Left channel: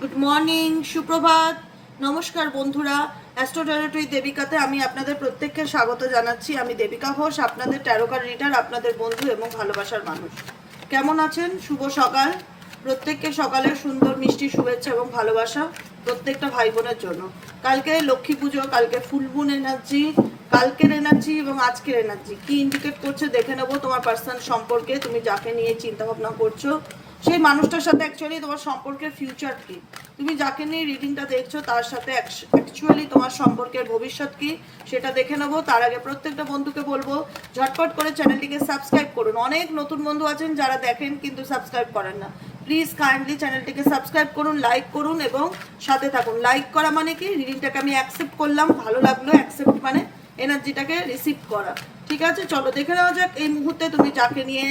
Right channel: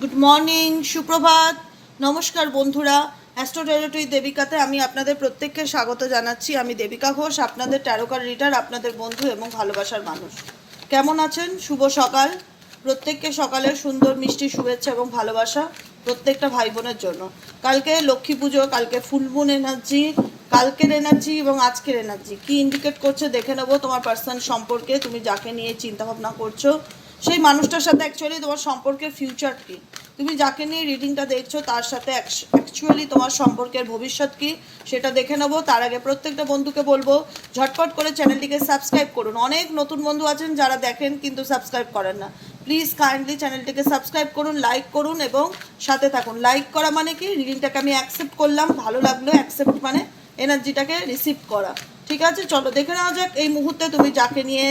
Good morning সুপ্রভাত। নমস্কার বন্ধুরা। অ্যাস্ট্রো অ্যাস্ট্রোটেরোটরি দেবিকাতে আমি আপনাদের প্রত্যেককে স্বাগত জানাচ্ছি। আমি দেবিকা ঘোষ, আপনাদের ট্যারোকার রিডার আপনাদের বন্ধু এবং ভালোবাসার মানুষ। কেমন আছেন? শুভ সকাল। প্রত্যেককে সকালে সুন্দর মিষ্টি শুভেচ্ছা এবং ভালোবাসা প্রত্যেকটা ভাই বোনের জন্য। কালকে লক্ষ্মী পুজো, কালকে ফুলমুন এনার্জি কালকের এনার্জি এবং আজকের এনার্জি কি ইন্ডিকেট করছে দেখে নেব তোমার পার্সোনাল সম্পর্কে। তুমি যাকে নিয়ে চিন্তাভাবনা করছ সেই মানুষটার সাথে অ্যাকচুয়ালি তোমার সম্পর্কের ফিউচার কি? তুমি যাকে নিয়ে রিডিংটা দেখছ, তার সাথে অ্যাকচুয়ালি তোমার সম্পর্কের ভবিষ্যৎ কি, সেটা দেখে নেব। তার আগে প্রত্যেকটা বন্ধুকে বলব, ঝটপট করে চ্যানেলটিকে সাবস্ক্রাইব করুন। অনেক নতুন বন্ধু আছেন যারা দেখেন কিন্তু সাবস্ক্রাইব করেন না। প্লিজ কাইন্ডলি চ্যানেলটিকে সাবস্ক্রাইব করুন লাইক করুন এবং সাথে থাকুন। লাইক করা মানে কি? রিডিংটাকে আমি অ্যাকসেপ্ট করলাম, ভালো লাগল অ্যাকসেপ্ট মানে এনার্জিটাকে রিসিভ করা। ঠিক আছে? চলো, দেখে নেওয়া যাক এই মুহূর্তে তুমি যাকে নিয়ে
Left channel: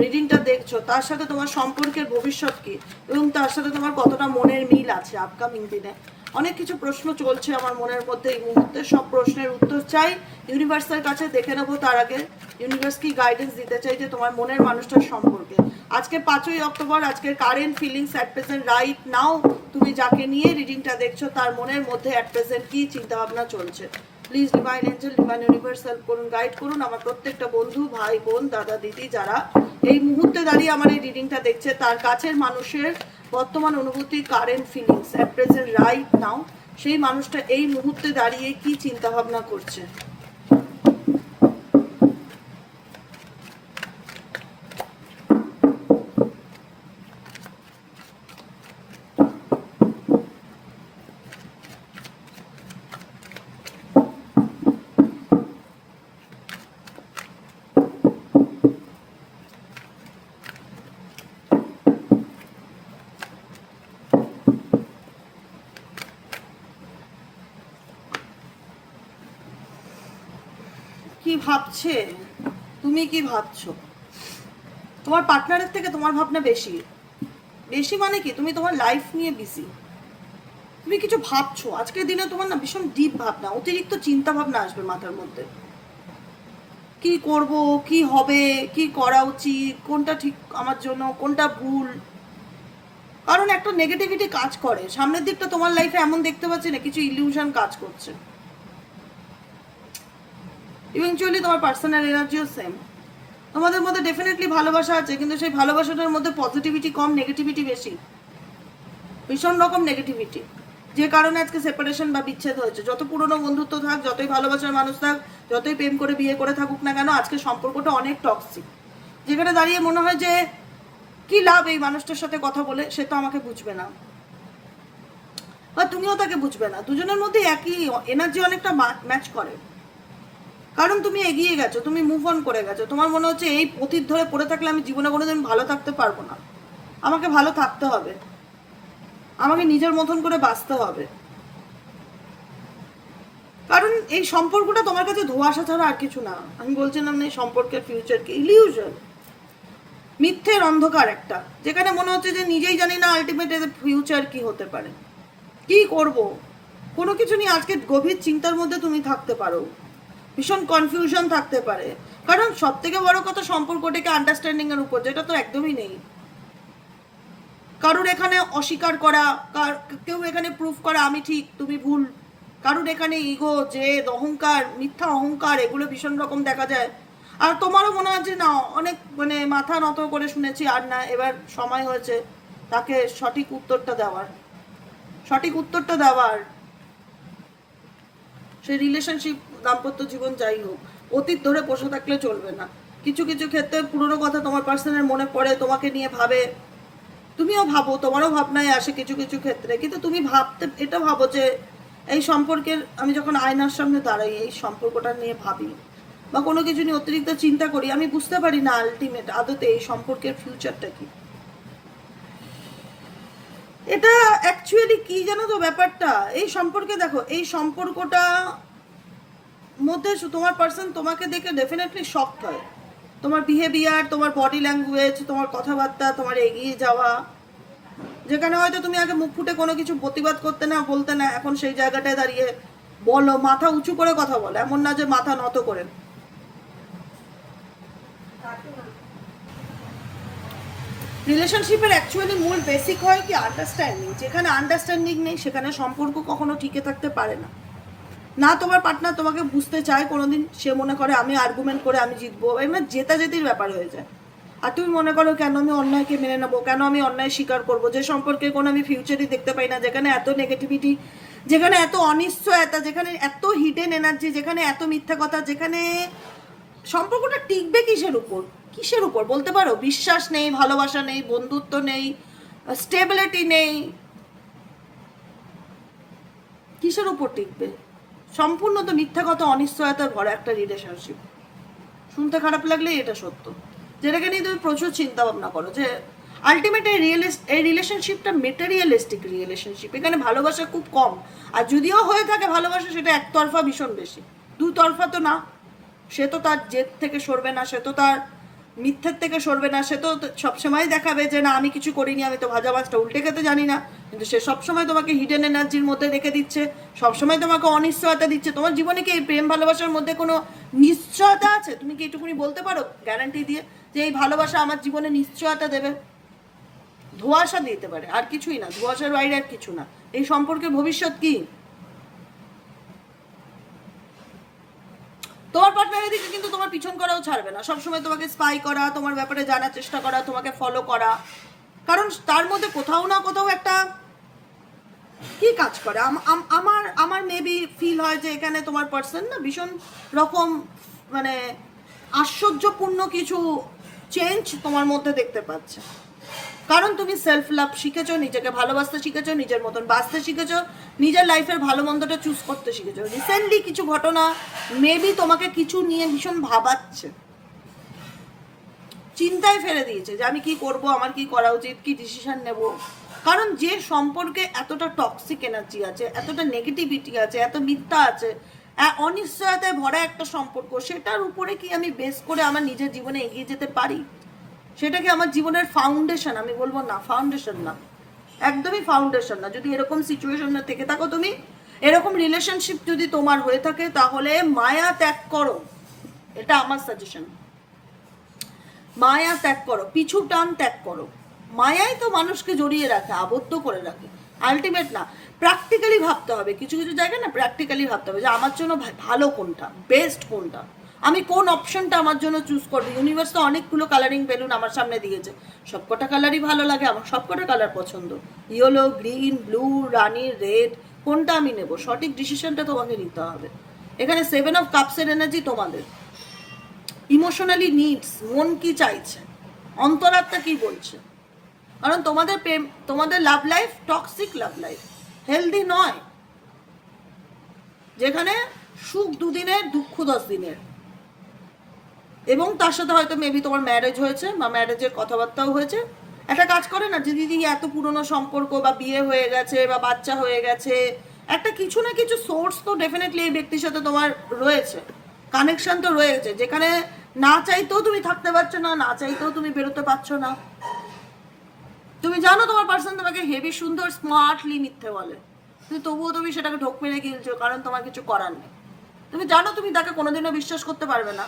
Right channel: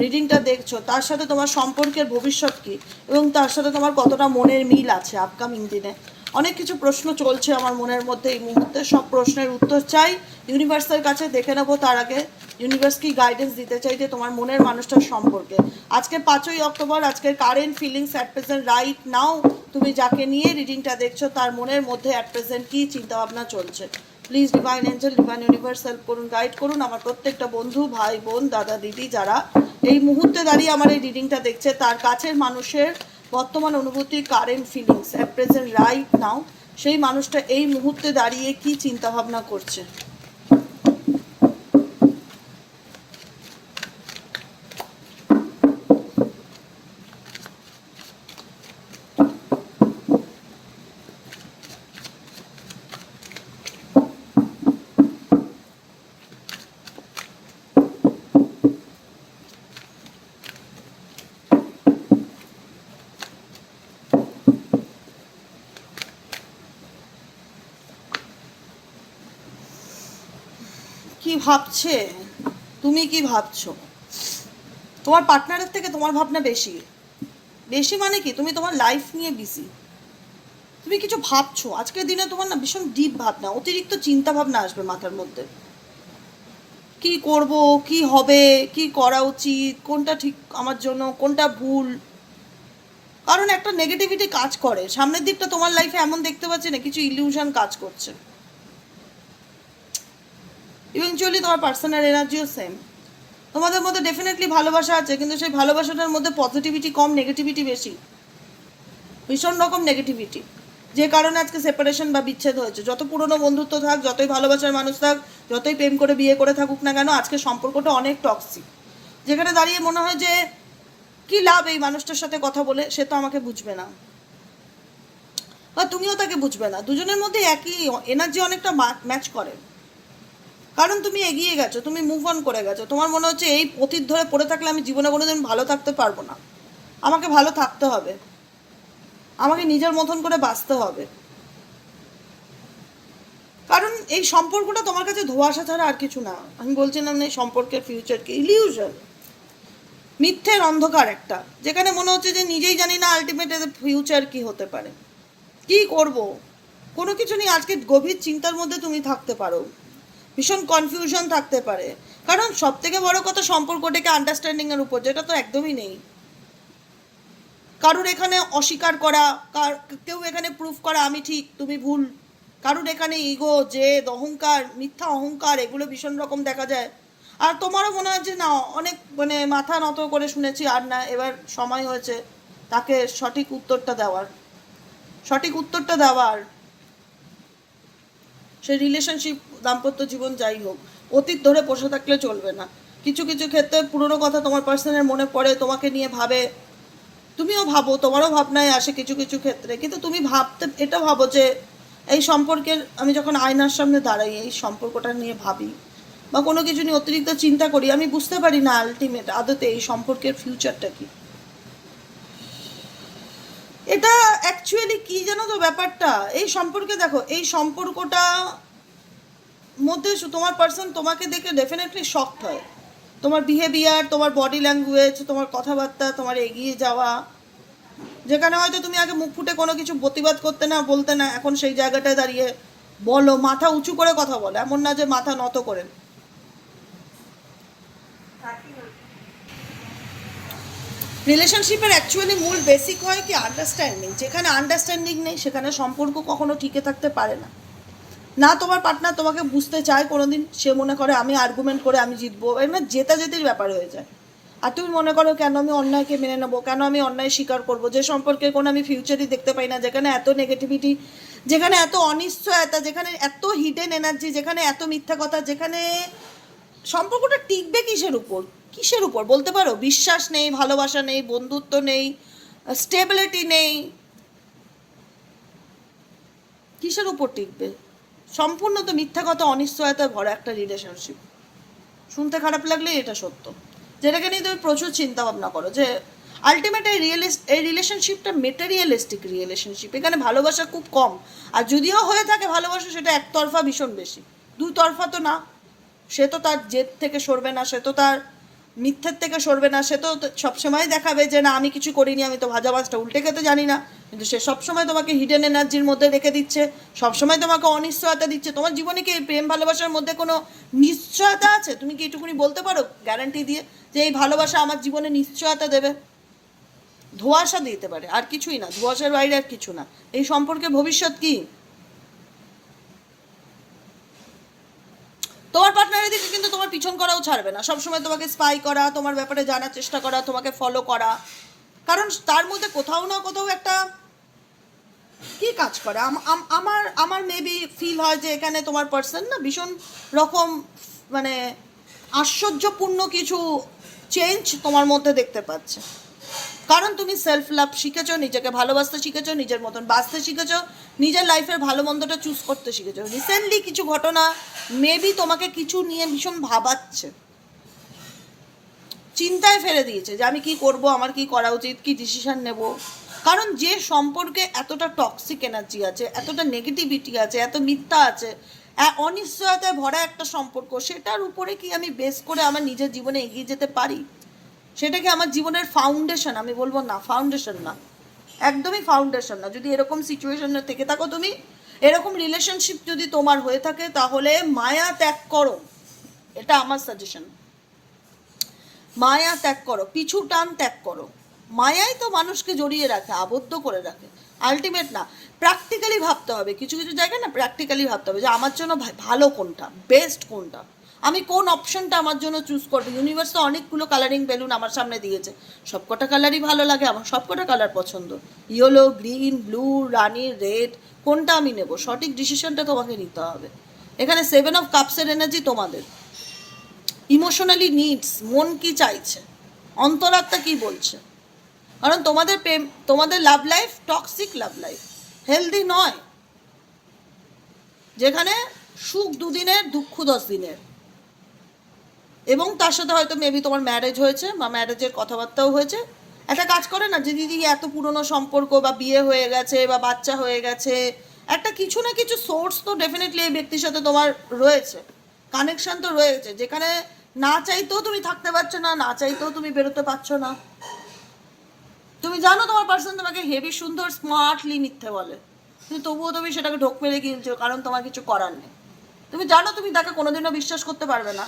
রিডিংটা দেখছ, তার সাথে তোমার সম্পর্কের ভবিষ্যৎ কি? এবং তার সাথে তোমার কতটা মনের মিল আছে আপকামিং দিনে? অনেক কিছু প্রশ্ন চলছে আমার মনের মধ্যে এই মুহূর্তে। সব প্রশ্নের উত্তর চাই। ইউনিভার্সের কাছে দেখে নেব তার আগে। ইউনিভার্স কি গাইডেন্স দিতে চাই যে তোমার মনের মানুষটার সম্পর্কে? আজকে পাঁচই অক্টোবর আজকের current feelings at present right now তুমি যাকে নিয়ে রিডিংটা দেখছ, তার মনের মধ্যে অ্যাট প্রেজেন্ট কী চিন্তাভাবনা চলছে? Please divine angel divine universe help করুন গাইড করুন। আমার প্রত্যেকটা বন্ধু, ভাই, বোন, দাদা, দিদি যারা এই মুহূর্তে দাঁড়িয়ে আমার এই রিডিংটা দেখছে, তার কাছের মানুষের বর্তমান অনুভূতি current feelings at present right now সেই মানুষটা এই মুহূর্তে দাঁড়িয়ে কি চিন্তা ভাবনা করছে? ভাবছে? তুমি কি ভাবছ? তোমার পার্টনারের থেকে তোমার ভাবনা বেশি। বেশি মানে কি? তুমি তোমার লাইফ নিয়ে বিজি তুমি কিছু ভাবছ? আজকের দিনে তোমার না ভীষণ ডিপ ভাবনা, অতিরিক্ত চিন্তা ভাবনা আসবে মাথার মধ্যে। কি করব? কি হবে? কি করা উচিত? কোনটা ঠিক আমার জন্য? কোনটা ভুল? কারণ একটা নেগেটিভিটি কাজ করে। সামনের দিকটা তোমার লাইফে এমন দেখতে পাচ্ছি না, কিছু ইলিউশন কাজ করছে। ইভেনচুয়ালি তোমার পার্সোনাল এনার্জিও সেম তোমাদের মধ্যে ডেফিনেটলি ভালোবাসা আছে, কিন্তু সেই ভালোবাসাটার মধ্যে পজিটিভিটি কম নেগেটিভিটি বেশি। ভীষণ রকম নেগেটিভিটি যে কারণে আজকে সেপারেশন বা বিচ্ছেদ হয়েছে। যত পুরনো বন্ধুত্ব থাক, যতই ভালোবাসার মানুষ থাক, যতই প্রেম করে বিয়ে করে থাকুক না কেন, আজকে সম্পর্কটা অনেক টক্সিক যেখানে দাঁড়িয়ে মনে হয় যে, কি লাভ এই মানুষটার সাথে কথা বলে, সে তো আমাকে বুঝবে না। বা তুমিও তাকে বুঝবে না। দুজনের মধ্যে একই এনার্জি অনেকটা ম্যাচ করে। কারণ তুমি এগিয়ে গেছো, তুমি মুভ অন করে গেছো। তোমার মনে হচ্ছে এই পথির ধরে পড়ে থাকলে আমি জীবনে কোনোদিন ভালো থাকতে পারব না। আমাকে ভালো থাকতে হবে। আমাকে নিজের মতন করে বাঁচতে হবে। কারণ এই সম্পর্কটা তোমার কাছে ধোঁয়াশা ছাড়া আর কিছু না। আমি বলছিলাম না এই সম্পর্কের ফিউচার কি ইলিউশন মিথ্যের অন্ধকার একটা, যেখানে মনে হচ্ছে যে নিজেই জানি না আলটিমেট ফিউচার কি হতে পারে। কি করব? কোনো কিছু নিয়ে আজকে গভীর চিন্তার মধ্যে তুমি থাকতে পারো। ভীষণ কনফিউশন থাকতে পারে। কারণ সব থেকে বড় কথা সম্পর্কটাকে আন্ডারস্ট্যান্ডিং এর উপর, যেটা তো একদমই নেই। কারুর এখানে অস্বীকার করা কেউ এখানে প্রুফ করা আমি ঠিক, তুমি ভুল। কারুর এখানে ইগো জেদ অহংকার, মিথ্যা, অহংকার, এগুলো ভীষণ রকম দেখা যায়। আর তোমারও মনে যে না, অনেক মানে মাথা নত করে শুনেছি আর না, এবার সময় হয়েছে তাকে সঠিক উত্তরটা দেওয়ার। সঠিক উত্তরটা দেওয়ার। সে রিলেশনশিপ দাম্পত্য জীবন যাই হোক, অতীত ধরে বসে থাকলে চলবে না। কিছু কিছু ক্ষেত্রে পুরনো কথা তোমার পার্সনের মনে পড়ে, তোমাকে নিয়ে ভাবে। তুমিও ভাবো, তোমারও ভাবনায় আসে কিছু কিছু ক্ষেত্রে। কিন্তু তুমি ভাবতে, এটা ভাবো যে এই সম্পর্কের, আমি যখন আয়নার সামনে দাঁড়াই, এই সম্পর্কটা নিয়ে ভাবি। বা কোনো কিছু নিয়ে অতিরিক্ত চিন্তা করি, আমি বুঝতে পারি না আলটিমেট আদতে এই সম্পর্কের ফিউচারটা কি। এটা অ্যাকচুয়ালি কি জানো তো ব্যাপারটা? এই সম্পর্কে দেখো, এই সম্পর্কটা মধ্যে তোমার পার্সন তোমাকে দেখে ডেফিনেটলি শকড হয়। তোমার বিহেভিয়ার তোমার বডি ল্যাঙ্গুয়েজ তোমার কথাবার্তা, তোমার এগিয়ে যাওয়া। যেখানে হয়তো তুমি আগে মুখ ফুটে কোনো কিছু প্রতিবাদ করতে না, বলতে না, এখন সেই জায়গাটায় দাঁড়িয়ে বলো, মাথা উঁচু করে কথা বলো, এমন না যে মাথা নত করে রিলেশনশিপের অ্যাকচুয়ালি মূল বেসিক হয় কি আন্ডারস্ট্যান্ডিং যেখানে আন্ডারস্ট্যান্ডিং নেই, সেখানে সম্পর্ক কখনো টিকে থাকতে পারে না। না তোমার পার্টনার তোমাকে বুঝতে চায় কোনোদিন, সে মনে করে আমি আর্গুমেন্ট করে আমি জিতবো। এবার জেতা জেতির ব্যাপার হয়ে যায়। আর তুমি মনে করো, কেন আমি অন্যায়কে মেনে নেব? কেন আমি অন্যায় স্বীকার করব? যে সম্পর্কে কোনো আমি ফিউচারই দেখতে পাই না, যেখানে এত নেগেটিভিটি যেখানে এত অনিশ্চয়তা, যেখানে এত হিডেন এনার্জি যেখানে এত মিথ্যা কথা, যেখানে সম্পর্কটা টিকবে কিসের উপর? কিসের উপর? বলতে পারো, বিশ্বাস নেই, ভালোবাসা নেই, বন্ধুত্ব নেই স্টেবিলিটি নেই। কিসের উপর টিকবে? সম্পূর্ণ তো মিথ্যা কথা, অনিশ্চয়তার ভরা একটা রিলেশনশিপ শুনতে খারাপ লাগলে এটা সত্য। যেটাকে নিয়ে তুমি প্রচুর চিন্তা ভাবনা করো, যে আলটিমেট এই রিয়েলিস্ট এই রিলেশনশিপটা মেটেরিয়ালিস্টিক রিলেশনশিপ এখানে ভালোবাসা খুব কম। আর যদিও হয়ে থাকে ভালোবাসা, সেটা একতরফা ভীষণ বেশি। দুতরফা তো না। সে তো তার জেদ থেকে সরবে না, সে তো তার মিথ্যের থেকে সরবে না, সে তো সবসময় দেখাবে যে না, আমি কিছু করিনি, আমি তো ভাজা মাছটা উল্টে খেতে জানি না। কিন্তু সে সবসময় তোমাকে হিডেন এনার্জির মধ্যে রেখে দিচ্ছে, সবসময় তোমাকে অনিশ্চয়তা দিচ্ছে। তোমার জীবনে কি এই প্রেম ভালোবাসার মধ্যে কোনো নিশ্চয়তা আছে? তুমি কি এটুকুনি বলতে পারো? গ্যারান্টি দিয়ে যে এই ভালোবাসা আমার জীবনে নিশ্চয়তা দেবে। ধোঁয়াশা দিতে পারে, আর কিছুই না। ধোঁয়াশার বাইরে আর কিছু না। এই সম্পর্কের ভবিষ্যৎ কি? তোমার পার্টনার এদিকে কিন্তু তোমার পিছন করাও ছাড়বে না। সবসময় তোমাকে স্পাই করা, তোমার ব্যাপারে জানার চেষ্টা করা, তোমাকে ফলো করা। কারণ তার মধ্যে কোথাও না কোথাও একটা কি কাজ করে? আম- আম- আমার আমার মেবি ফিল হয় যে এখানে তোমার পার্সন না ভীষণ রকম মানে আশ্চর্যপূর্ণ কিছু চেঞ্জ তোমার মধ্যে দেখতে পাচ্ছে। কারণ তুমি সেলফ লাভ শিখেছো, নিজেকে ভালোবাসতে শিখেছো, নিজের মতন বাঁচতে শিখেছো, নিজের লাইফের ভালো মন্দটা চুজ করতে শিখেছো। রিসেন্টলি কিছু ঘটনা মেবি তোমাকে কিছু নিয়ে ভীষণ ভাবাচ্ছে। চিন্তায় ফেলে দিয়েছে যে আমি কি করব, আমার কি করা উচিত, কি ডিসিশন নেব। কারণ যে সম্পর্কে এতটা টক্সিক এনার্জি আছে, এতটা নেগেটিভিটি আছে, এত মিথ্যা আছে অনিশ্চয়তায় ভরা একটা সম্পর্ক, সেটার উপরে কি আমি বেস করে আমার নিজের জীবনে এগিয়ে যেতে পারি? সেটা কি আমার জীবনের ফাউন্ডেশন আমি বলব না ফাউন্ডেশন না। একদমই ফাউন্ডেশন না। যদি এরকম সিচুয়েশনে থেকে থাকো তুমি, এরকম রিলেশনশিপ যদি তোমার হয়ে থাকে, তাহলে মায়া ত্যাগ করো। এটা আমার সাজেশন মায়া ত্যাগ করো, পিছু টান ত্যাগ করো। মায়াই তো মানুষকে জড়িয়ে রাখে, আবদ্ধ করে রাখে। আলটিমেট না প্র্যাকটিক্যালি ভাবতে হবে। কিছু কিছু জায়গায় না প্র্যাকটিক্যালি ভাবতে হবে যে আমার জন্য ভালো কোনটা বেস্ট কোনটা। আমি কোন অপশনটা আমার জন্য চুজ করব? ইউনিভার্স তো অনেকগুলো কালারিং বেলুন আমার সামনে দিয়েছে। সবকটা কালারই ভালো লাগে, আমার সবকটা কালার পছন্দ। ইয়েলো গ্রিন ব্লু রানি রেড কোনটা আমি নেব? সঠিক ডিসিশনটা তোমাকে নিতে হবে। এখানে সেভেন অফ কাপসের এনার্জি তোমাদের। ইমোশনালি নিডস মন কি চাইছে? অন্তরাত্মা কি বলছে? কারণ তোমাদের প্রেম, তোমাদের love life toxic love life healthy নয়। যেখানে সুখ দুদিনের, দুঃখ দশ দিনের। এবং তার সাথে হয়তো মেবি তোমার ম্যারেজ হয়েছে বা ম্যারেজের কথাবার্তাও হয়েছে। একটা কাজ করে না যে, দিদি, এত পুরনো সম্পর্ক বা বিয়ে হয়ে গেছে বা বাচ্চা হয়ে গেছে। একটা কিছু না কিছু সোর্স তো ডেফিনেটলি এই ব্যক্তির সাথে তোমার রয়েছে। কানেকশন তো রয়েছে। যেখানে না চাইতেও তুমি থাকতে পারছ না না চাইতেও তুমি বেরোতে পারছ না। তুমি জানো তোমার পার্সন তোমাকে হেভি সুন্দর স্মার্টলি মিথ্যে বলে। তুমি তবুও তুমি সেটাকে ঢোক মেরে গিলছো, কারণ তোমার কিছু করার নেই। তুমি জানো তুমি তাকে কোনোদিনও বিশ্বাস করতে পারবে না।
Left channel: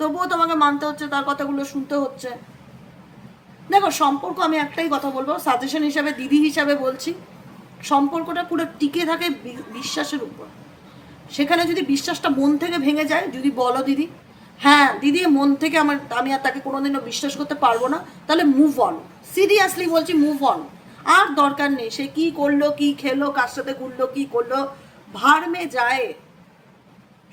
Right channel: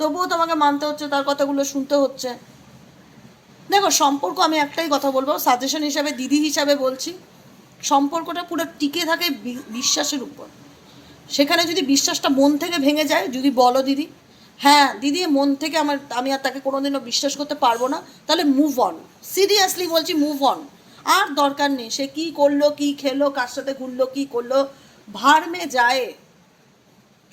তবুও তোমাকে মানতে হচ্ছে, তার কথাগুলো শুনতে হচ্ছে। দেখো, সম্পর্ক আমি একটাই কথা বলব সাজেশন হিসাবে, দিদি হিসাবে বলছি, সম্পর্কটা পুরো টিকে থাকে বিশ্বাসের উপর। সেখানে যদি বিশ্বাসটা মন থেকে ভেঙে যায়, যদি বলো দিদি হ্যাঁ দিদি, মন থেকে আমার, আমি আর তাকে কোনোদিনও বিশ্বাস করতে পারব না, তাহলে মুভ অন সিরিয়াসলি বলছি মুভ অন আর দরকার নেই, সে কি করল, কি খেলো, কার সাথে ঘুরলো, কি করল ভারমে যায়।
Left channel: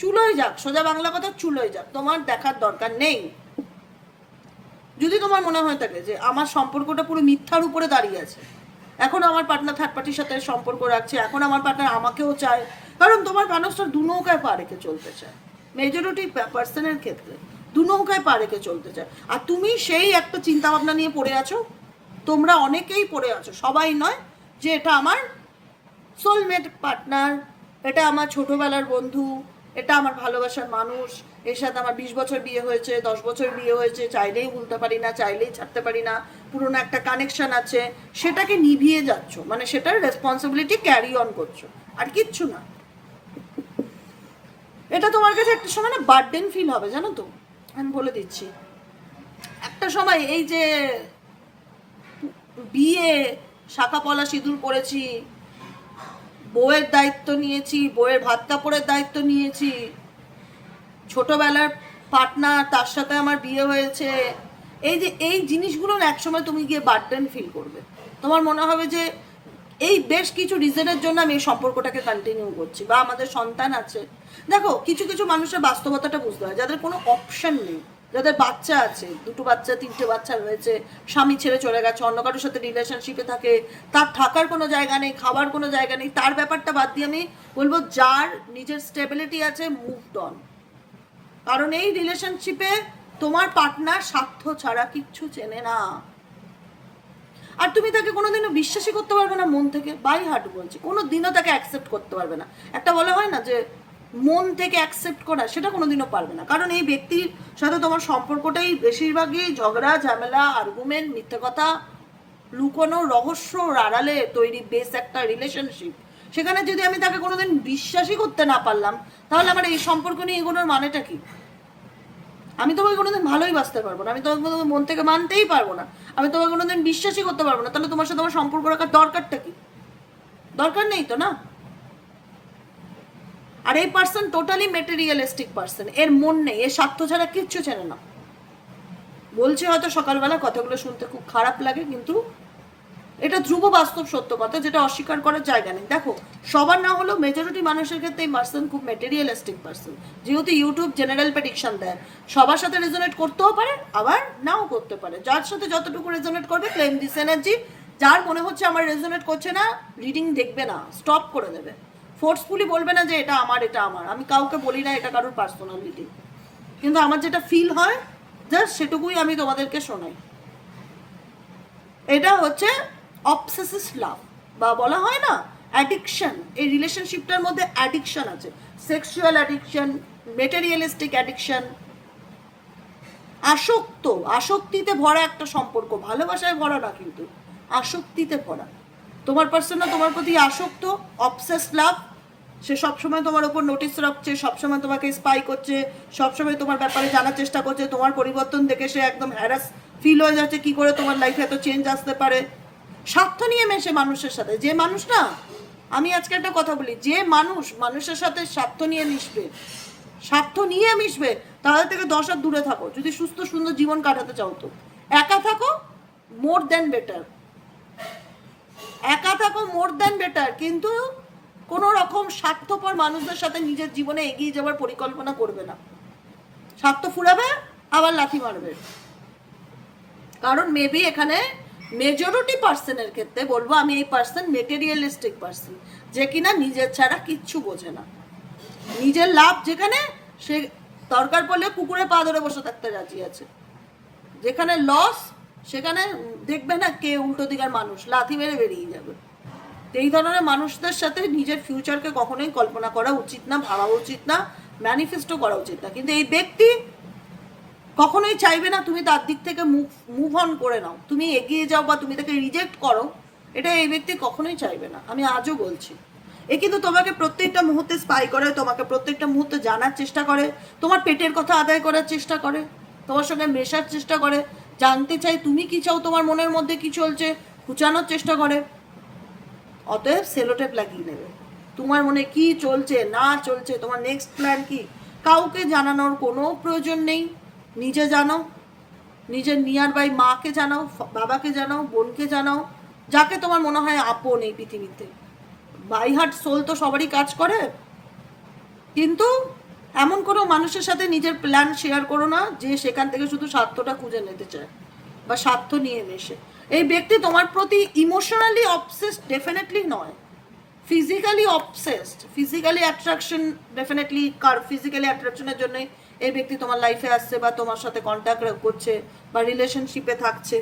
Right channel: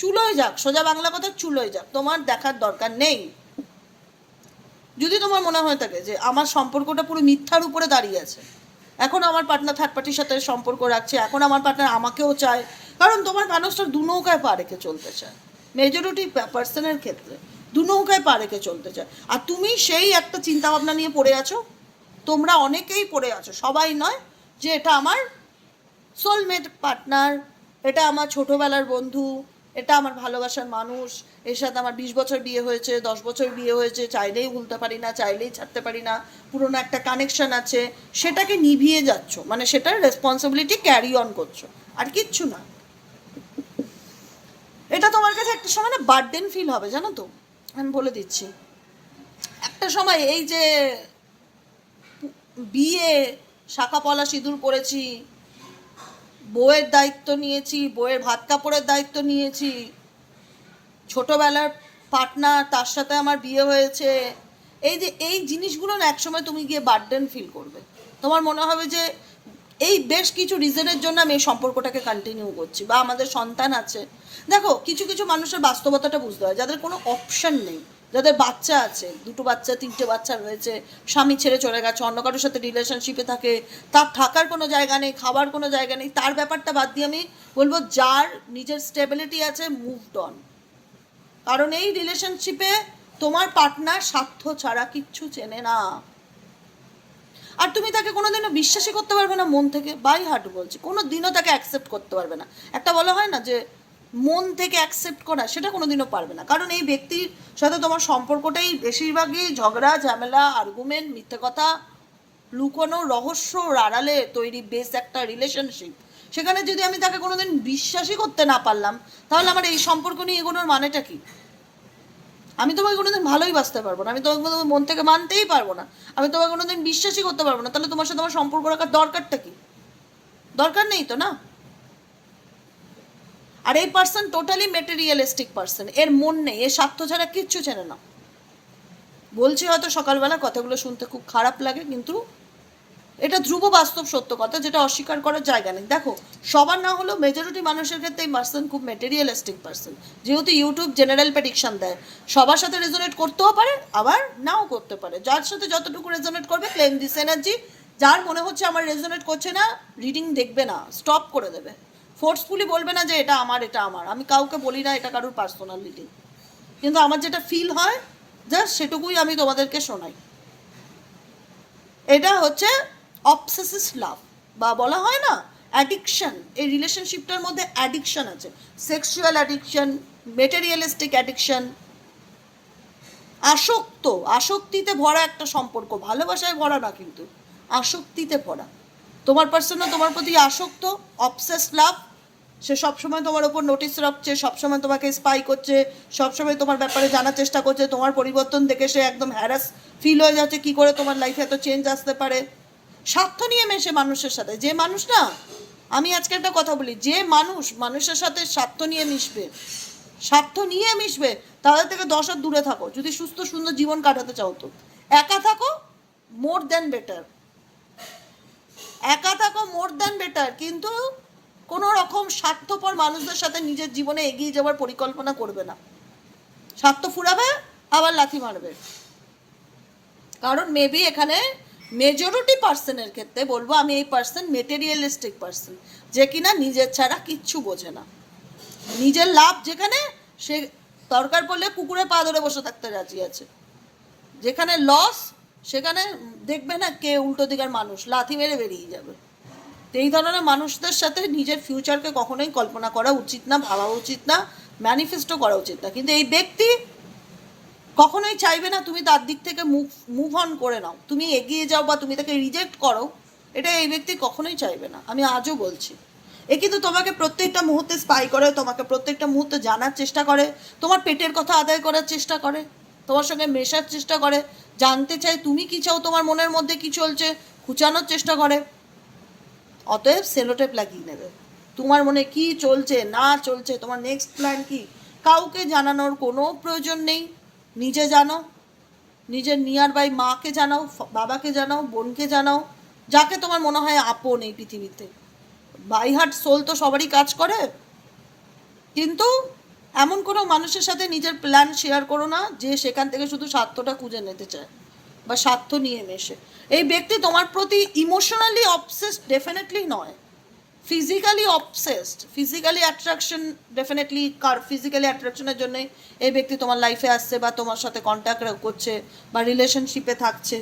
চুলোয় যাক, সোজা বাংলা কথা চুলোয় যাক, তোমার দেখার দরকার নেই। যদি তোমার মনে হয়ে থাকে যে আমার সম্পর্কটা পুরো মিথ্যার উপরে দাঁড়িয়ে আছে, এখন আমার পার্টনার থার্ড পার্টির সাথে সম্পর্ক রাখছে, এখন আমার পার্টনার আমাকেও চায়, কারণ তোমার মানুষটা দু নৌকায় পা রেখে চলতে চায়। মেজরিটি পার্সনের ক্ষেত্রে দু নৌকায় পা রেখে চলতে চায়। আর তুমি সেই একটা চিন্তা ভাবনা নিয়ে পড়ে আছো? তোমরা অনেকেই পড়ে আছো, সবাই নয় যে এটা আমার সোলমেট পার্টনার এটা আমার ছোটোবেলার বন্ধু এটা আমার ভালোবাসার মানুষ, এর সাথে আমার বিশ বছর বিয়ে হয়েছে, দশ বছর বিয়ে হয়েছে, চাইলেই ভুলতে পারি না, চাইলেই ছাড়তে পারি না, পুরোনো একটা কানেকশন আছে, সেটাকে নিভিয়ে যাচ্ছ মানে সেটার রেসপন্সিবিলিটি ক্যারি অন করছ, আর কিচ্ছু না। এটা তোমার কাছে একটা সময় না বার্ডেন ফিল হবে, জানো তো? আমি বলে দিচ্ছি। একটা সময় এই যে, বিয়ে, শাখা পলা সিঁদুর পরেছি বউয়ের দায়িত্ব নিয়েছি, বউয়ের ভাত কাপড়ের দায়িত্ব নিয়েছি। ছোটবেলার পার্টনার তার সাথে আমার বিয়ে হয়েছে। এই যে, এই জিনিসগুলো না একসময় তুমি গিয়ে বার্ডেন ফিল করবে। তোমার মনে হবে যে, এই বেশ কিছু রিজনের জন্য আমি এই সম্পর্কটাকে কন্টিনিউ করছি বা আমাদের সন্তান আছে। দেখো, কিছু কিছু মানুষের বাস্তবতাটা বুঝতে হয়, যাদের কোনো অপশন নেই। যাদের বাচ্চা আছে, দুটো বাচ্চা, তিনটে বাচ্চা রয়েছে, স্বামী ছেড়ে চলে গেছে, অন্য কারোর সাথে রিলেশনশিপে থাকে, তার থাকার কোনো জায়গা নেই খাবার কোনো জায়গা নেই, তার ব্যাপারটা বাদ দিয়ে আমি বলব যার নিজের স্টেবিলিটি আছে মুভড অন কারণ এই রিলেশনশিপে তোমার পার্টনার স্বার্থ ছাড়া কিচ্ছু চেনে না। আর তুমি তাকে কোনোদিনও বিশ্বাসই করতে পারবে না মন থেকে বাই হার্ট বলছি কোনো দিনও তাকে অ্যাকসেপ্ট করতে পারবে না। একটা বলা হয় না যে মন থেকে অ্যাকসেপ্ট করা, সেটা কোনোদিনও পারবে না। কারণ এই ব্যক্তির সাথে তোমার সম্পর্কটাই বেশিরভাগই ঝগড়া, ঝামেলা আর্গুমেন্ট মিথ্যে কথা, লুকোনো রহস্য আড়ালে তৈরি বেস একটা রিলেশনশিপ সেখানে যদি আমি তাকে কোনোদিন বিশ্বাসই করতে না পারলাম, তাহলে আমার এই সম্পর্ক নিয়ে এগোনোর মানেটা কি? আমি তোমাকে কোনোদিন ভালোই বাঁচতে পারব না, আমি তোমাকে কোনোদিন মন থেকে মানতেই পারব না, আমি তোমাকে কোনোদিন বিশ্বাসই করতে পারব না, তাহলে তোমার সাথে আমার সম্পর্ক রাখার দরকারটা কি? দরকার নেই তো না? আর এই পার্সন টোটালি মেটেরিয়ালিস্টিক পার্সন এর মন নেই, এর স্বার্থ ছাড়া কিচ্ছু চেনে না। বলছি হয়তো সকালবেলা কথাগুলো শুনতে খুব খারাপ লাগে, কিন্তু এটা ধ্রুব বাস্তব সত্য কথা যেটা অস্বীকার করার জায়গা নেই। দেখো, সবার না হলেও মেজরিটি মানুষের ক্ষেত্রে এই পার্সন খুব মেটেরিয়ালিস্টিক পার্সন যেহেতু ইউটিউব জেনারেল প্রেডিকশন দেয়, সবার সাথে রেজোনেট করতেও পারে, আবার নাও করতে পারে। যার সাথে যতটুকু রেজোনেট করবে ক্লেম দিস এনার্জি যার মনে হচ্ছে আমার রেজোনেট করছে না রিডিং দেখবে না স্টপ করে দেবে। ফোর্সফুলি বলবে না যে এটা আমার এটা আমার। আমি কাউকে বলি না, এটা কারোর পার্সোনালিটি কিন্তু আমার যেটা ফিল হয় জাস্ট সেটুকুই আমি তোমাদেরকে শোনাই। এটা হচ্ছে অবসেসিভ লাভ বা বলা হয় না অ্যাডিকশন এই রিলেশনশিপটার মধ্যে অ্যাডিকশন আছে। সেক্সুয়াল অ্যাডিকশন মেটেরিয়ালিস্টিক অ্যাডিকশন আসক্ত, আসক্তিতে ভরা একটা সম্পর্ক, ভালোবাসায় ভরা না কিন্তু, আসক্তিতে ভরা। তোমার পার্সন তোমার প্রতি আসক্ত অবসেস লাভ সে সবসময় তোমার ওপর নোটিস রাখছে, সবসময় তোমাকে স্পাই করছে, সবসময় তোমার ব্যাপারে জানার চেষ্টা করছে, তোমার পরিবর্তন দেখে সে একদম হ্যারাস ফিল হয়ে যাচ্ছে, কি করে তোমার লাইফে এত চেঞ্জ আসতে পারে? স্বার্থ নিয়ে মেশে মানুষের সাথে, যে মানুষ না, আমি আজকে একটা কথা বলি, যে মানুষ মানুষের সাথে স্বার্থ নিয়ে মিশবে, স্বার্থ নিয়ে মিশবে তাদের থেকে দশ হাত দূরে থাকো, যদি সুস্থ সুন্দর জীবন কাটাতে চাও তো। একা থাকো মোর দ্যান বেটার একা থাকো মোর দ্যান বেটার কিন্তু কোনো রকম স্বার্থপর মানুষদের সাথে নিজের জীবনে এগিয়ে যাওয়ার পরিকল্পনা করবে না। স্বার্থ ফুরাবে, আবার লাথি মারবে। কারণ মেবি এখানে মেজরিটি পার্সনের ক্ষেত্রে বলব, আমি এই পার্সন মেটেরিয়ালিস্টিক পার্সন যে কিনা নিজের ছাড়া কিচ্ছু বোঝে না। নিজের লাভ যেখানে, সে দরকার পড়লে কুকুরে পা ধরে বসে থাকতে রাজি আছে। যেখানে লস সেখানে দেখবে না কে উল্টো দিকের মানুষ, লাথি মেরে বেরিয়ে যাবে। এই ধরনের মানুষদের সাথে নিজের ফিউচারকে কখনোই কল্পনা করা উচিত না, ভাবা উচিত না ম্যানিফেস্টো করা উচিত না। কিন্তু এই ব্যক্তি কখনোই চাইবে না তুমি তার দিক থেকে মুভ মুভ অন করে নাও। তুমি এগিয়ে যাও বা তুমি তাকে রিজেক্ট করো, এটা এই ব্যক্তি কখনোই চাইবে না। আমি আজও বলছি, এ কিন্তু তোমাকে প্রত্যেকটা মুহূর্তে স্পাই করে, তোমাকে প্রত্যেকটা মুহূর্তে জানার চেষ্টা করে, তোমার পেটের কথা আদায় করার চেষ্টা করে, তোমার সঙ্গে মেশার চেষ্টা করে, জানতে চাই তুমি কি চাও, তোমার মনের মধ্যে কি চলছে, খুঁচানোর চেষ্টা করে। অতএব সেলোটেপ লাগিয়ে নেবে। তোমার মনে কি চলছে, না চলছে, তোমার নেক্সট প্ল্যান কি? কাউকে জানানোর কোনো প্রয়োজন নেই। নিজে জানো। নিজের নিয়ার বাই মাকে জানাও, বাবাকে জানাও, বোনকে জানাও, যাকে তোমার মনে হয় আপন এই পৃথিবীতে। বাই হার্ট সোল তো সবারই কাজ করে। কিন্তু এমন কোনো মানুষের সাথে নিজের প্ল্যান শেয়ার করো না, যে সেখান থেকে শুধু স্বার্থটা খুঁজে নিতে চায় বা স্বার্থ নিয়ে মেশে এই ব্যক্তি তোমার প্রতি ইমোশনালি অবসেসড ডেফিনেটলি নয়। Physically obsessed physically attraction definitely কার ফিজিক্যালি অ্যাট্রাকশনের জন্য এই ব্যক্তি তোমার লাইফে আসছে বা তোমার সাথে কন্ট্যাক্ট করছে বা রিলেশনশিপে থাকছে।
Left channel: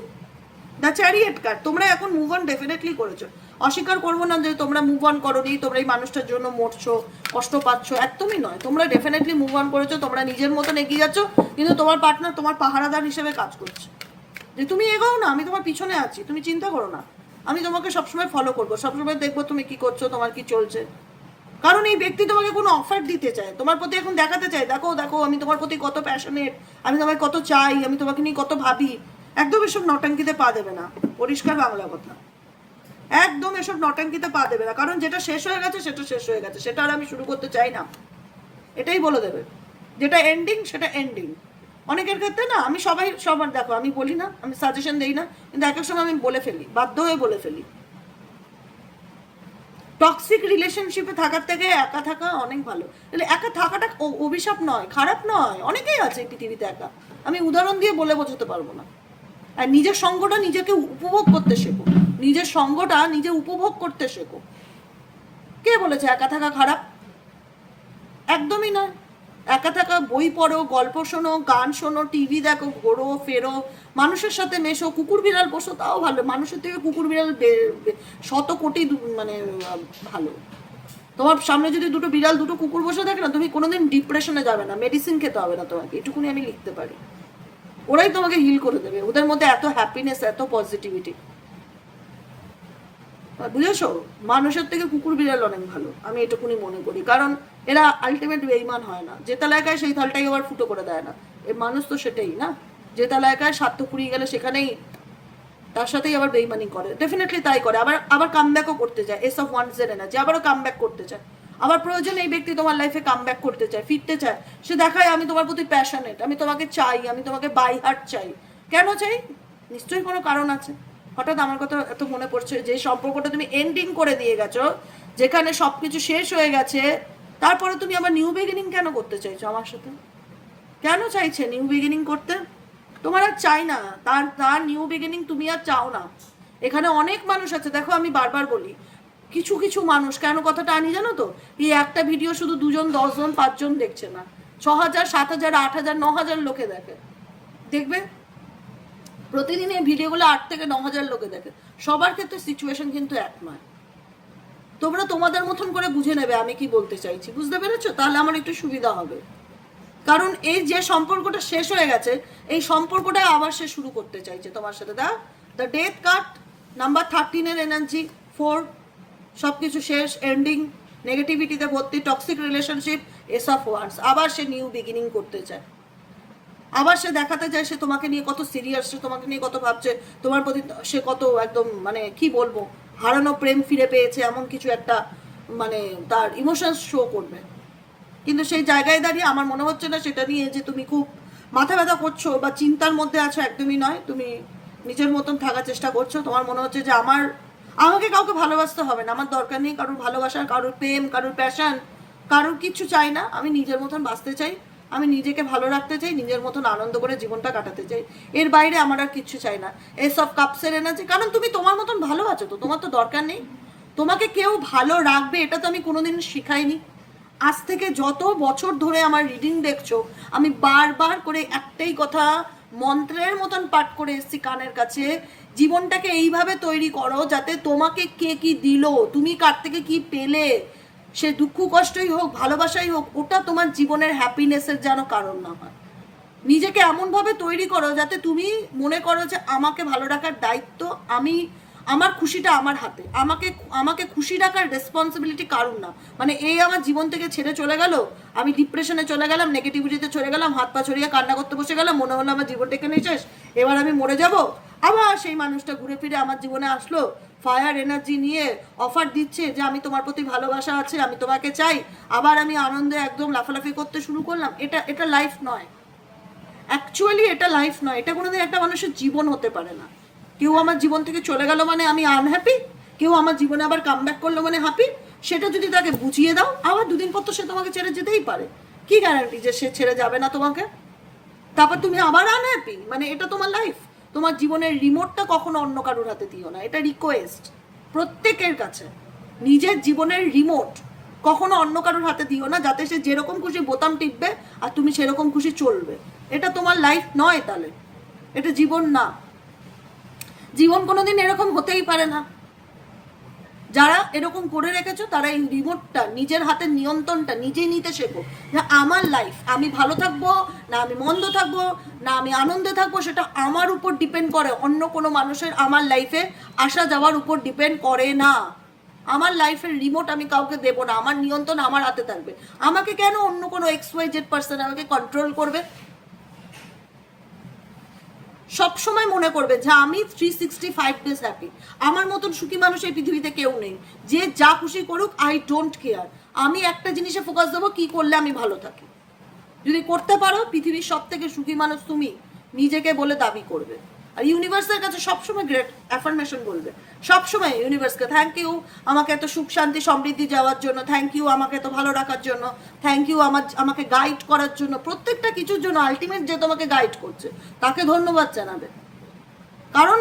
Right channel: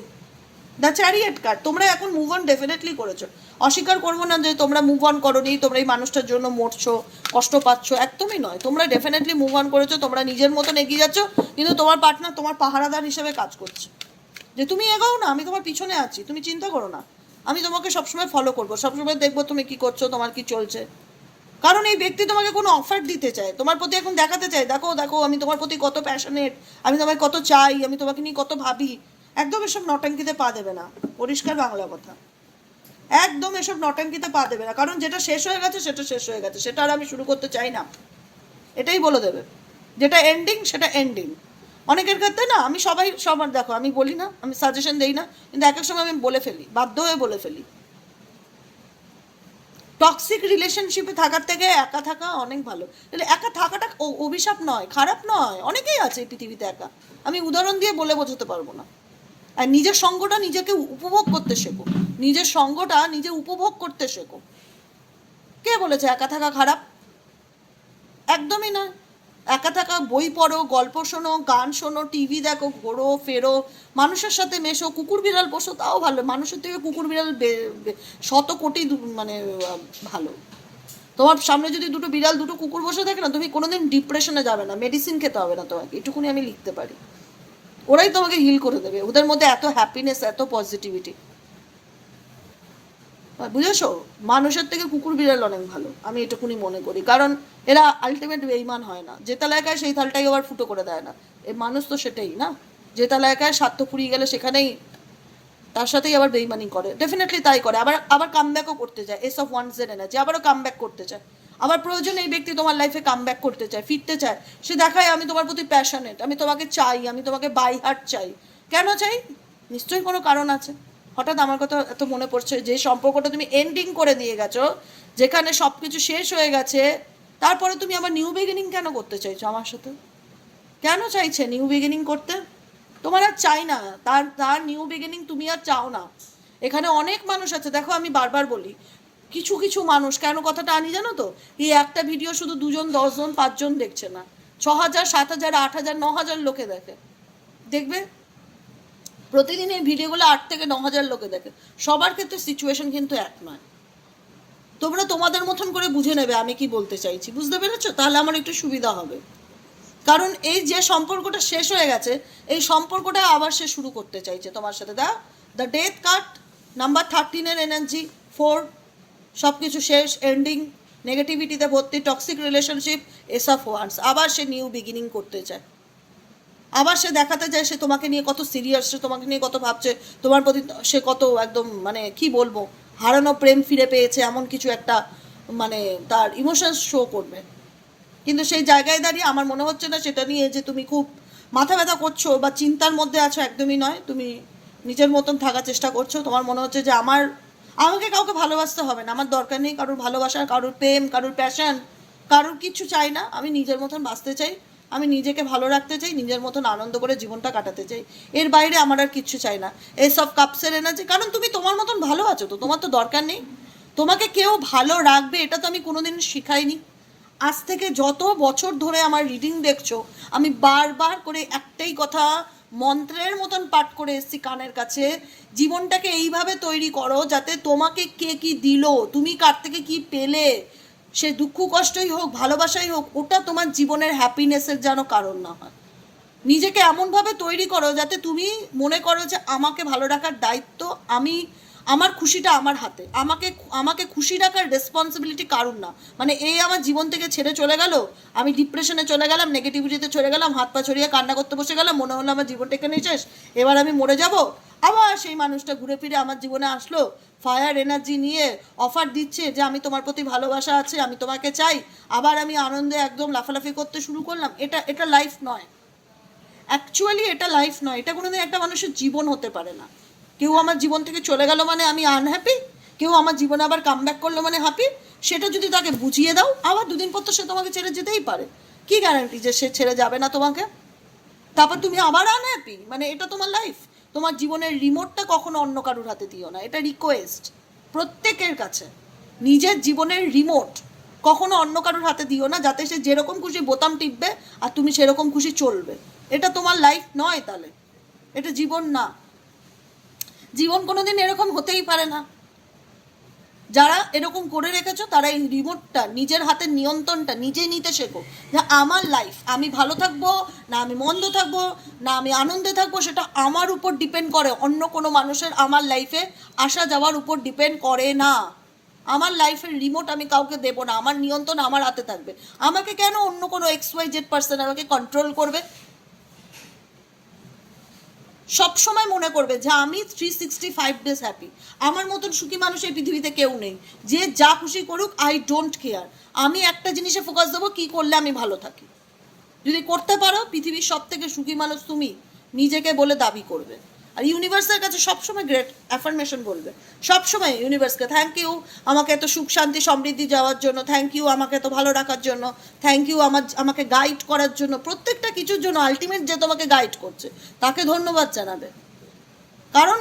দ্য চ্যারিয়েট কার্ড তোমরা এখন মুভ অন ডেফিনেটলি করেছ। অস্বীকার করব না যে তোমরা মুভ অন করো করোনি, তোমরা এই মানুষটার জন্য মরছো, কষ্ট পাচ্ছ, একদমই নয়। তোমরা ডেফিনেটলি মুভ অন করেছ, তোমরা নিজের মতন এগিয়ে যাচ্ছ, কিন্তু তোমার পার্টনার তোমার পাহারাদার হিসেবে কাজ করছে। যে তুমি এগোও না, আমি তোমার পিছনে আছি, তুমি চিন্তা করো না। আমি তোমাকে সবসময় ফলো করব, সবসময় দেখব তুমি কি করছ, তোমার কি চলছে। কারণ এই ব্যক্তি তোমাকে কোনো অফার দিতে চায়, তোমার প্রতি এখন দেখাতে চায়, দেখো দেখো, আমি তোমার প্রতি কত প্যাশনেট আমি তোমায় কত চাই, আমি তোমাকে নিয়ে কত ভাবি। একদম এসব নটাঙ্কিতে পা দেবে না, পরিষ্কার বাংলা কথা। একদম এসব নটাঙ্কিতে পা দেবে না, কারণ যেটা শেষ হয়ে গেছে, সেটা শেষ হয়ে গেছে, সেটা আর আমি শুরু করতে চাই না। এটাই বলে দেবে, যেটা এন্ডিং সেটা এন্ডিং অনেকের ক্ষেত্রে না, আমি সবাই, সবার দেখো, আমি বলি না, আমি সাজেশন দেই না, কিন্তু এক এক সময় আমি বলে ফেলি, বাধ্য হয়ে বলে ফেলি। টক্সিক রিলেশনশিপে থাকার থেকে একা থাকা অনেক ভালো। একা থাকাটা অভিশাপ নয়, খারাপ নয়, অনেকেই আছে পৃথিবীতে একা। আমি উদাহরণ দিয়ে বলে বোঝাতে পারব না। আর নিজের সঙ্গটা নিজেকে উপভোগ করতে শেখো। নিজের সঙ্গটা নিজে উপভোগ করতে শেখো। কে বলেছে একা থাকা খারাপ? একদমই না একা থাকা বই পড়ো, গল্প শোনো, গান শোনো টিভি দেখো, ঘোরো, ফেরো, মানুষের সাথে মেশো, কুকুর বিড়াল পোষো তাও ভালো। মানুষের থেকে কুকুর বিড়াল শত কোটি মানে ভালো। তোমার সামনে যদি দুটো বিড়াল, দুটো কুকুর বসে থাকে না, তুমি কোনোদিন ডিপ্রেশনে যাবে না, মেডিসিন খেতে হবে না তোমাকে। এটুকুনি আমি লিখতে পারি। ওরাই তোমাকে হিল করে দেবে। ওদের মধ্যে এত হ্যাপিনেস এত পজিটিভিটি বুঝেছ? মানুষের থেকে কুকুর বিড়াল অনেক ভালো। আমি এটুকুনি মনে করি। কারণ এরা আলটিমেট বেইমান হয় না। যে তালাকায় সেই থালটাই আবার ফুটো করে দেয় না। এ মানুষ তো সেটাই না। যে তালাকায় স্বার্থ ফুরিয়ে গেলে সেখানেই তার সাথেই আবার বেইমানি করে। ডেফিনেটলি তাই করে। আবার আবার কামব্যাকও করতে চায়। এস অফ ওয়ান্স এর এনার্জি। আবারও কামব্যাক করতে চায়। আবার প্রয়োজন এই ব্যক্তি তোমার লাইফে কামব্যাক করতে চায়, ফিরতে চায়। সে দেখায়, আমি তোমার প্রতি প্যাশনেট আমি তোমাকে চাই। আমি তোমাকে বাই হার্ট চাই। কেন চাই? নিশ্চয়ই কোনো কারণ আছে। হঠাৎ আমার কথা এত মনে পড়ছে যে সম্পর্কটা তুমি এন্ডিং করে দিয়ে গেছো, যেখানে সব কিছু শেষ হয়ে গেছে তারপরে তুমি আবার নিউ বিগিনিং কেন করতে চাইছো আমার সাথে? কেন চাইছে নিউ বিগিনিং করতে? তোমার আর চাই না। তার তার নিউ বিগিনিং তুমি আর চাও না। এখানে অনেক মানুষ আছে। দেখো আমি বারবার বলি, কিছু কিছু মানুষ, কেন কথাটা আনি জানো তো? এই একটা ভিডিও শুধু দুজন, দশজন, পাঁচজন দেখছে না। ছ হাজার সাত হাজার আট হাজার ন হাজার লোকে দেখে। দেখবে? প্রতিদিন এই ভিডিওগুলো আট থেকে ন হাজার লোকে দেখে। সবার ক্ষেত্রে সিচুয়েশন কিন্তু এক নয়। তোমরা তোমাদের মতন করে বুঝে নেবে আমি কি বলতে চাইছি। বুঝতে পেরেছ? তাহলে আমার একটু সুবিধা হবে। কারণ এই যে সম্পর্কটা শেষ হয়ে গেছে, এই সম্পর্কটা আবার সে শুরু করতে চাইছে তোমার সাথে। The the death card number থার্টিনের energy for সব কিছু শেষ এন্ডিং নেগেটিভিটিতে ভর্তি toxic relationship ace of wands আবার সে নিউ বিগিনিং করতে চায়। আবার সে দেখাতে চায় সে তোমাকে নিয়ে কত সিরিয়াস সে তোমাকে নিয়ে কত ভাবছে, তোমার প্রতি সে কত একদম মানে কি বলব? হারানো প্রেম ফিরে পেয়েছে, এমন কিছু একটা মানে তার ইমোশনস শো করবে। কিন্তু সেই জায়গায় দাঁড়িয়ে আমার মনে হচ্ছে না সেটা নিয়ে যে তুমি খুব মাথা ব্যথা করছ বা চিন্তার মধ্যে আছো, একদমই নয়। তুমি নিজের মতন থাকার চেষ্টা করছ। তোমার মনে হচ্ছে যে আমার, আমাকে কাউকে ভালোবাসতে হবে না। আমার দরকার নেই কারোর ভালোবাসার কারোর প্রেম, কারোর প্যাশন কারোর কিছু চাই না। আমি নিজের মতন বাঁচতে চাই। আমি নিজেকে ভালো রাখতে চাই, নিজের মতন আনন্দ করে জীবনটা কাটাতে চাই। এর বাইরে আমার আর কিচ্ছু চাই না। এই সব কাপসের এনার্জি কারণ তুমি তোমার মতন ভালো আছো তো, তোমার তো দরকার নেই। তোমাকে কেউ ভালো রাখবে, এটা তো আমি কোনোদিন শিখাইনি। আজ থেকে যত বছর ধরে আমার রিডিং দেখছ, আমি বারবার করে একটাই কথা মন্ত্রের মতন পাঠ করে এসেছি কানের কাছে, জীবনটাকে এইভাবে তৈরি করো যাতে তোমাকে কে কি দিল, তুমি কার থেকে কি পেলে সে দুঃখ কষ্টই হোক, ভালোবাসাই হোক, ওটা তোমার জীবনের হ্যাপিনেসের যেন কারণ না হয়। নিজেকে এমনভাবে তৈরি করো যাতে তুমি মনে করো যে আমাকে ভালো রাখার দায়িত্ব আমি, আমার খুশিটা আমার হাতে। আমাকে আমাকে খুশি রাখার রেসপন্সিবিলিটি কারণ না। মানে এই আমার জীবন থেকে ছেড়ে চলে গেল, আমি ডিপ্রেশনে চলে গেলাম নেগেটিভিটিতে চলে গেলাম, হাত পা ছড়িয়ে কান্না করতে বসে গেলাম, মনে হলো আমার জীবনটা এখানেই শেষ, এবার আমি মরে যাব। আবার সেই মানুষটা ঘুরে ফিরে আমার জীবনে আসলো ফায়ার এনার্জি নিয়ে অফার দিচ্ছে যে আমি তোমার প্রতি ভালোবাসা আছে, আমি তোমাকে চাই। আবার আমি আনন্দে একদম লাফালাফি করতে শুরু করলাম। এটা এটা লাইফ নয়। অ্যাকচুয়ালি এটা লাইফ নয়। এটা কোনোদিন একটা মানুষের জীবন হতে পারে না। কেউ আমার জীবন থেকে চলে গেল মানে আমি আনহ্যাপি কেউ আমার জীবনে আবার কাম ব্যাক করল মানে হ্যাপি সেটা যদি তাকে বুঝিয়ে দাও, আবার দুদিন পর তো সে তোমাকে ছেড়ে যেতেই পারে। কি গ্যারান্টি যে সে ছেড়ে যাবে না তোমাকে? তারপর তুমি আবার আনহ্যাপি মানে এটা তোমার লাইফ তোমার জীবনের রিমোটটা কখনো অন্য কারোর হাতে দিও না। এটা রিকোয়েস্ট প্রত্যেকের কাছে। নিজের জীবনের রিমোট কখনো অন্য কারোর হাতে দিও না, যাতে সে যেরকম খুশি বোতাম টিপবে আর তুমি সেরকম খুশি চলবে। এটা তোমার লাইফ নয় তাহলে। এটা জীবন না। জীবন কোনোদিন এরকম হতেই পারে না। যারা এরকম করে রেখেছো, তারা এই রিমোটটা নিজের হাতের নিয়ন্ত্রণটা নিজেই নিতে শেখো। যে আমার লাইফ আমি ভালো থাকব, না আমি মন্দ থাকব, না আমি আনন্দে থাকব, সেটা আমার উপর ডিপেন্ড করে। অন্য কোনো মানুষের আমার লাইফে আসা যাওয়ার উপর ডিপেন্ড করে না। আমার লাইফের রিমোট আমি কাউকে দেবো না। আমার নিয়ন্ত্রণ আমার হাতে থাকবে। আমাকে কেন অন্য কোনো এক্স ওয়াই জেড পার্সন আমাকে কন্ট্রোল করবে? সব সময় মনে করবে যে আমি three sixty five days happy আমার মতন সুখী মানুষ এই পৃথিবীতে কেউ নেই। যে যা খুশি করুক আই ডোন্ট কেয়ার আমি একটা জিনিসে ফোকাস দেবো, কি করলে আমি ভালো থাকি। যদি করতে পারো, পৃথিবীর সব থেকে সুখী মানুষ তুমি। নিজেকে বলে দাবি করবে। আর ইউনিভার্সের কাছে সবসময় গ্রেট অ্যাফার্মেশন বলবে। সবসময় ইউনিভার্সকে থ্যাংক ইউ আমাকে এত সুখ, শান্তি, সমৃদ্ধি যাওয়ার জন্য থ্যাংক ইউ আমাকে এত ভালো রাখার জন্য থ্যাংক ইউ আমার, আমাকে গাইড করার জন্য, প্রত্যেকটা কিছুর জন্য আলটিমেট যে তোমাকে গাইড করছে, তাকে ধন্যবাদ জানাবে। কারণ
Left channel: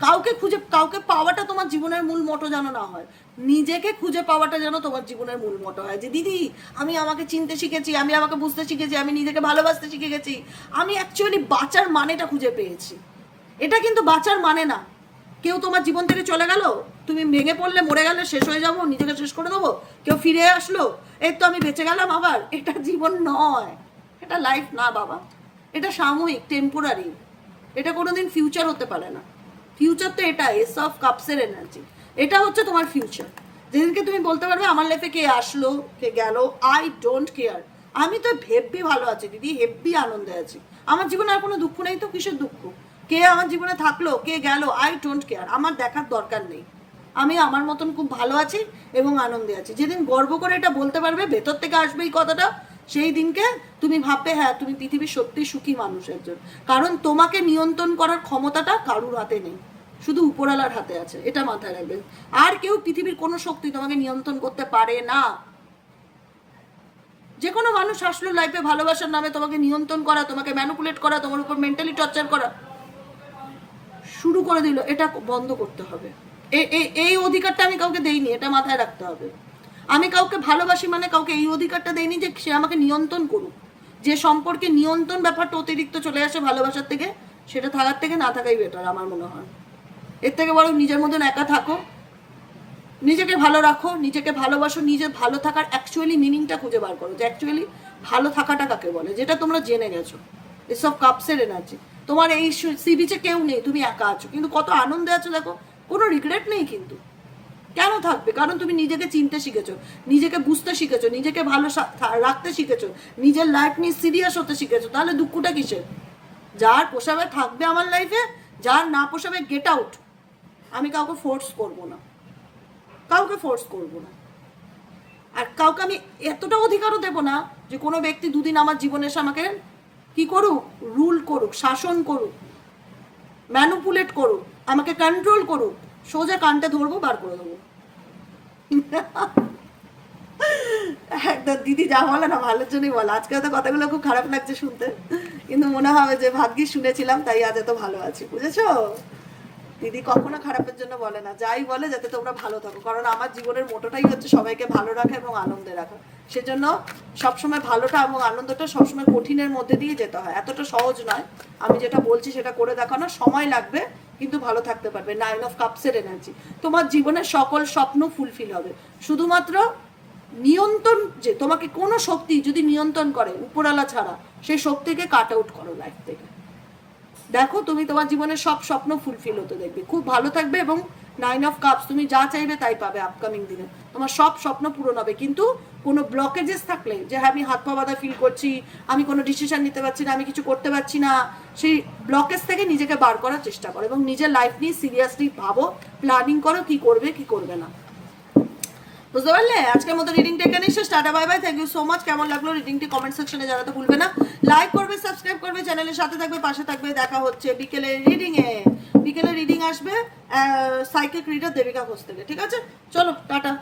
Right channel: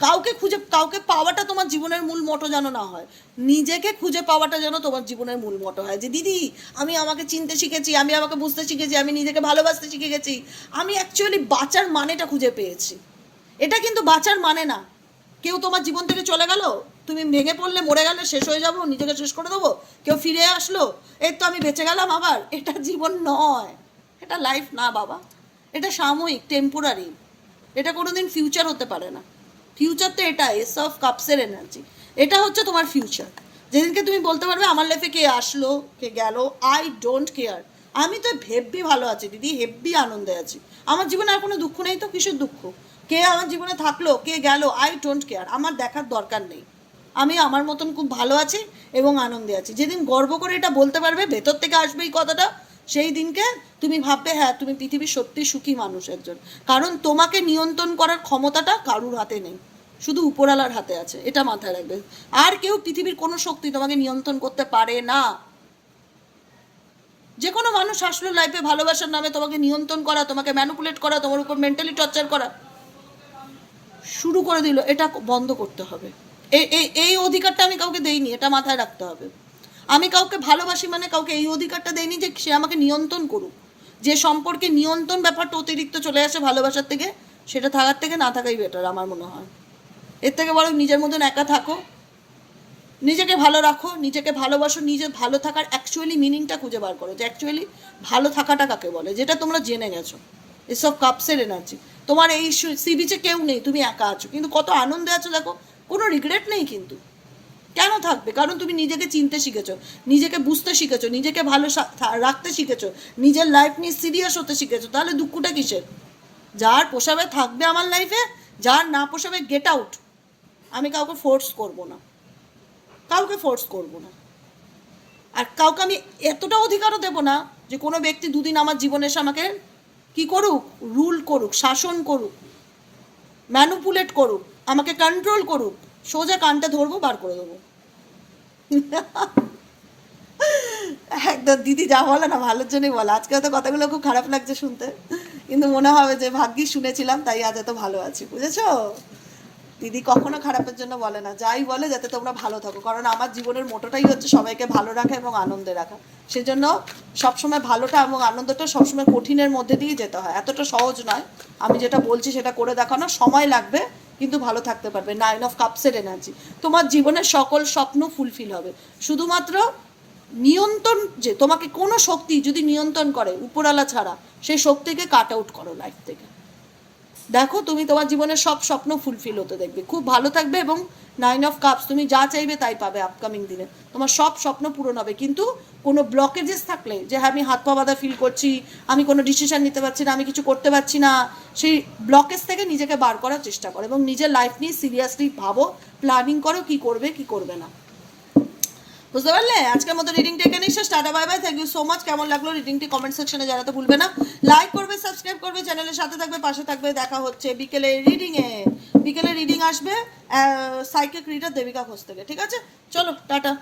কাউকে খুঁজে, কাউকে পাওয়াটা তোমার জীবনের মূল মোটো যেন না হয়। নিজেকে খুঁজে পাওয়াটা যেন তোমার জীবনের মূল মোটো হয়। যে, দিদি, আমি আমাকে চিনতে শিখেছি, আমি আমাকে বুঝতে শিখেছি, আমি নিজেকে ভালোবাসতে শিখে গেছি আমি অ্যাকচুয়ালি বাঁচার মানেটা খুঁজে পেয়েছি। এটা কিন্তু বাঁচার মানে না। কেউ তোমার জীবন থেকে চলে গেল, তুমি ভেঙে পড়লে মরে গেলে শেষ হয়ে যাব, নিজেকে শেষ করে দেবো, কেউ ফিরে আসলো, এই তো আমি বেঁচে গেলাম আবার। এটা জীবন নয়, এটা লাইফ না বাবা। এটা সাময়িক টেম্পোরারি এটা কোনোদিন ফিউচার হতে পারে না। ফিউচার তো এটা এস অফ কাপসের এনার্জি এটা হচ্ছে তোমার ফিউচার যেদিনকে তুমি বলতে পারবে, আমার লাইফে কে আসলো, কে গেল আই ডোন্ট কেয়ার আমি তো হেব্বি ভালো আছি, দিদি হেব্বি আনন্দে আছি। আমার জীবনে আর কোনো দুঃখ নেই তো? কিসের দুঃখ? কে আমার জীবনে থাকল, কে গেল আই ডোন্ট কেয়ার আমার দেখার দরকার নেই। আমি আমার মতন খুব ভালো আছি এবং আনন্দে আছি। যেদিন গর্ব করে এটা বলতে পারবে, ভেতর থেকে আসবে এই কথাটা, সেই দিনকে তুমি ভাববে হ্যাঁ তুমি পৃথিবীর সত্যি সুখী মানুষ একজন। কারণ তোমাকে নিয়ন্ত্রণ করার ক্ষমতাটা কারুর হাতে নেই। শুধু উপরালার হাতে আছে, এটা মাথায় রাখবে। আর কেউ পৃথিবীর কোনো শক্তি তোমাকে নিয়ন্ত্রণ করতে পারে না। যে কোনো মানুষ আসলো লাইফে ভালোবাসার নামে তোমাকে নিয়ন্ত্রণ করা, তোমাকে ম্যানুপুলেট করা, তোমার উপর মেন্টালি টর্চার করা শুরু করে দিল, এটা বন্ধ করতে হবে। এই অধিকারটা আমি কাউকে দেইনি, এটা মাথায় রাখতে হবে। আমি কাউকে ভালোবাসি মানে কাউকে এই অধিকারটা দেইনি যে সে আমাকে নিয়ন্ত্রণ করুক। যে সম্পর্কে নিয়ন্ত্রণ ব্যাপারটা অতিরিক্ত চলে আসে ভালোবাসার থেকে, সেটা থাকার থেকে না থাকাই বেটার আমার মনে হয়। এর থেকে বরং নিজের মতন একা থাকো। নিজেকে ভালো রাখো, নিজেকে ভালোবাসো, নিজে ভালো থাকার অ্যাকচুয়ালি মিনিংটা খুঁজে বার করো। যে অ্যাকচুয়ালি ভালো থাকাটা কাকে বলে? যেটা তোমরা জেনে গেছো। এসব কাপসের এনার্জি তোমার এই সি বিচে কেউ নেই, তুমি একা আছো। কিন্তু কত আনন্দে আছো, দেখো, কোনো রিগ্রেট নেই কিন্তু। কেন থাকবে? কারণ তুমি নিজেকে চিনতে শিখেছো, নিজেকে বুঝতে শিখেছো, নিজেকে ভালো রাখতে শিখেছো, নিজের লাইফ নিয়ে সিরিয়াস হতে শিখেছো। তাহলে দুঃখটা কিসের? যার পোষাবে থাকবে আমার লাইফে যার না পোষাবে গেট আউট আমি কাউকে ফোর্স করব না। কাউকে ফোর্স করব না। আর কাউকে আমি এতটা অধিকারও দেব না যে কোনো ব্যক্তি দুদিন আমার জীবনে এসে আমাকে কি করুক? রুল করুক, শাসন করুক ম্যানুপুলেট করুক, আমাকে কন্ট্রোল করুক, সোজা কানটা ধরবো, বার করে দেবো। একদম, দিদি যা বলে না, ভালোর জন্যই বলে। আজকে হয়তো কথাগুলো খুব খারাপ লাগছে শুনতে। কিন্তু মনে হবে যে ভাগ্যি শুনেছিলাম, তাই আজ এত ভালো আছি, বুঝেছ? দিদি কখনো খারাপের জন্য বলে না, যাই বলে যাতে তোমরা ভালো থাকো। কারণ আমার জীবনের মোটোটাই হচ্ছে সবাইকে ভালো রাখা এবং আনন্দে রাখা। সেজন্য সবসময় ভালোটা এবং আনন্দটা সবসময় কঠিনের মধ্যে দিয়ে যেতে হয়। এতটা সহজ নয়। আমি যেটা বলছি সেটা করে দেখানো সময় লাগবে, কিন্তু ভালো থাকতে পারবে। নাইন অফ কাপসের এনার্জি তোমার জীবনের সকল স্বপ্ন ফুলফিল হবে। শুধুমাত্র নিয়ন্ত্রণ যে, তোমাকে কোনো শক্তি যদি নিয়ন্ত্রণ করে উপরালা ছাড়া, সেই শক্তিকে কাট আউট করো লাইফ থেকে। দেখো, তুমি তোমার জীবনের সব স্বপ্ন ফুলফিল হতে দেখবে। খুব ভালো থাকবে এবং নাইন অফ কাপস তুমি যা চাইবে তাই পাবে আপকামিং দিনে। তোমার সব স্বপ্ন পূরণ হবে। কিন্তু কোনো ব্লকেজেস থাকলে, যে হ্যাঁ আমি হাত পা বাঁধা ফিল করছি, আমি কোনো ডিসিশন নিতে পারছি না, আমি কিছু করতে পারছি না, সেই ব্লকেজ থেকে নিজেকে বার করার চেষ্টা করো এবং নিজের লাইফ নিয়ে সিরিয়াসলি ভাবো প্ল্যানিং করো কি করবে কি করবে না। বুঝতে পারলে? আজকের মতো রিডিংটা এখানে শেষ। Tata bye bye thank you so much কেমন লাগল রিডিংটি কমেন্ট সেকশনে জানাতে ভুলবে না। লাইক করবে সাবস্ক্রাইব করবে চ্যানেলের সাথে থাকবে, পাশে থাকবে। দেখা হচ্ছে বিকেলে রিডিং এ বিকেলে রিডিং আসবে সাইকেল রিডার দেবিকা ঘোষ থেকে। ঠিক আছে? চলো, টাটা।